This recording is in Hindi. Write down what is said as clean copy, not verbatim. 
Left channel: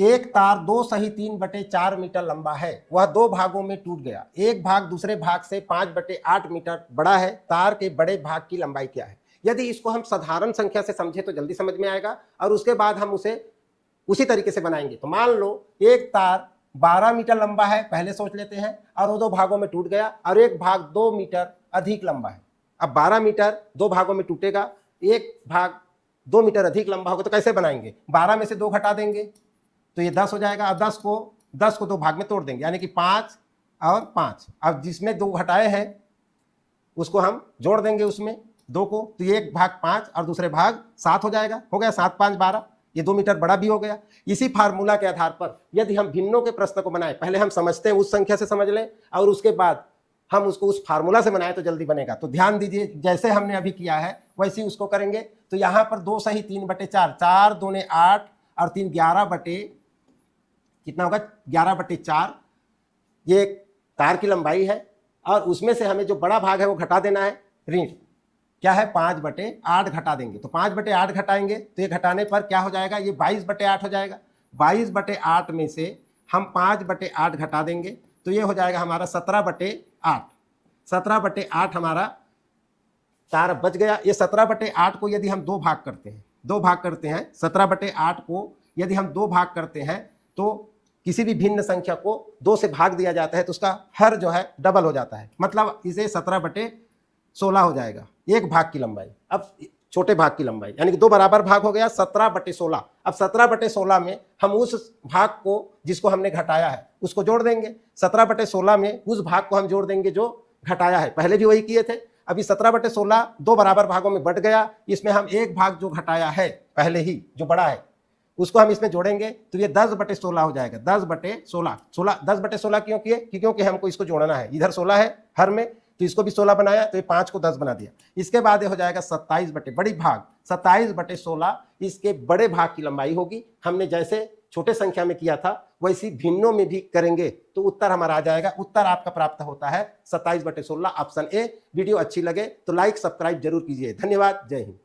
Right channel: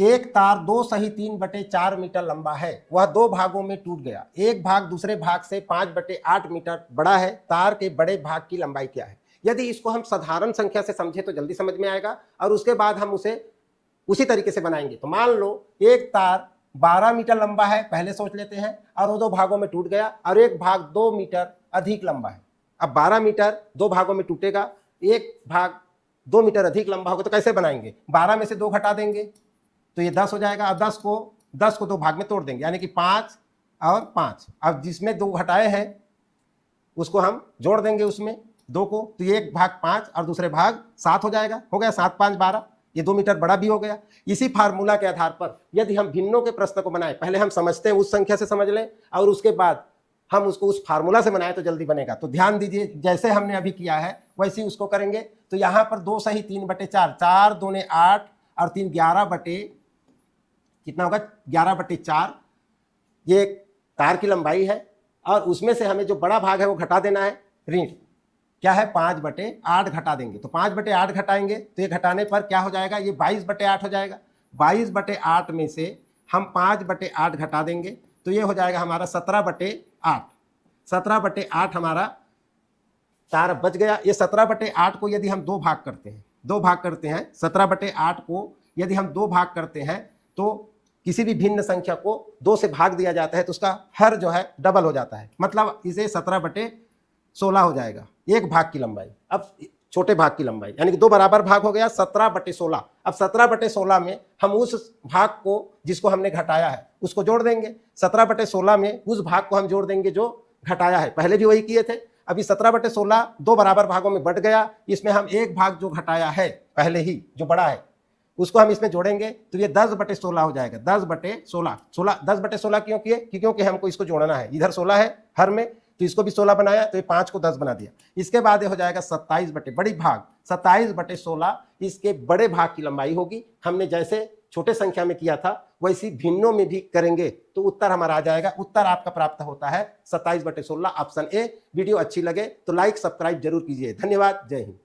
एक तार 2 सही 3/4 मीटर लंबा है, वह दो भागों में टूट गया। एक भाग दूसरे भाग से 5/8 मीटर बड़ा है, तार के बड़े भाग की लंबाई क्या है। यदि इसको हम साधारण संख्या से समझे तो जल्दी समझ में आएगा, और उसके बाद हम उसे उसी तरीके से बनाएंगे। तो मान लो एक तार 12 मीटर लंबा है, पहले सोच लेते हैं, और वो दो भागों में टूट गया, और एक भाग 2 मीटर अधिक लंबा है। अब 12 मीटर दो भागों में टूटेगा, एक भाग 2 मीटर अधिक लंबा होगा, तो कैसे बनाएंगे? 12 में से 2 घटा देंगे तो ये 10 हो जाएगा, और 10 को 2 भाग में तोड़ देंगे, यानी कि 5 और 5। अब जिसमें 2 घटाए हैं उसको हम जोड़ देंगे उसमें 2 को, तो ये एक भाग 5 और दूसरे भाग 7 हो जाएगा। हो गया 7 5 12, ये 2 मीटर बड़ा भी हो गया। इसी फार्मूला के आधार पर यदि हम भिन्नों के प्रश्न को बनाए, पहले हम समझते हैं उस संख्या से समझ लें, और उसके बाद हम उसको उस फार्मूला से बनाए तो जल्दी बनेगा। तो ध्यान दीजिए, जैसे हमने अभी किया है वैसे ही उसको करेंगे। तो यहाँ पर 2 सही 3/4, 4 दूने 8 और 3 11 बटे कितना होगा, 11/4। ये तार की लंबाई है, और उसमें से हमें जो बड़ा भाग है वो घटा देना है। ऋण क्या है, 5/8 घटा देंगे, तो 5/8 घटाएंगे तो ये घटाने पर क्या हो जाएगा, ये 22/8 हो जाएगा। 22/8 में से हम 5/8 घटा देंगे तो ये हो जाएगा हमारा 17/8। 17/8 हमारा तार बच गया। ये 17/8 को यदि हम 2 भाग करते हैं 17/8 को यदि हम 2 भाग करते हैं तो किसी भी भिन्न संख्या को 2 से भाग दिया जाता है तो उसका हर जो है डबल हो जाता है, मतलब इसे 17/16 हो जाएगा एक भाग की लंबाई। अब छोटे भाग की लंबाई यानी कि 2 बराबर भाग हो गया 17/16। अब 17/16 में हम उस भाग को जिसको हमने घटाया है उसको जोड़ देंगे। 17/16 में उस भाग को हम जोड़ देंगे जो घटाया है, पहले भी वही किए थे। अभी 17/16 2 बराबर भागों में बट गया, इसमें हम एक भाग जो घटाया है पहले ही जो बड़ा है उसको हम इसमें जोड़ेंगे तो ये 10/16 हो जाएगा। 10/16 10/16 क्यों किए, क्योंकि हमको इसको जोड़ना है। इधर 16 है हर में, तो इसको भी 16 बनाया, तो ये 5 को 10 बना दिया। इसके बाद ये हो जाएगा 27/16 इसके बड़े भाग की लंबाई होगी। हमने जैसे छोटे संख्या में किया था वैसी भिन्नों में भी करेंगे तो उत्तर हमारा आ जाएगा। उत्तर आपका प्राप्त होता है 27/16, ऑप्शन ए। वीडियो अच्छी लगे तो लाइक सब्सक्राइब जरूर कीजिए। धन्यवाद, जय हिंद।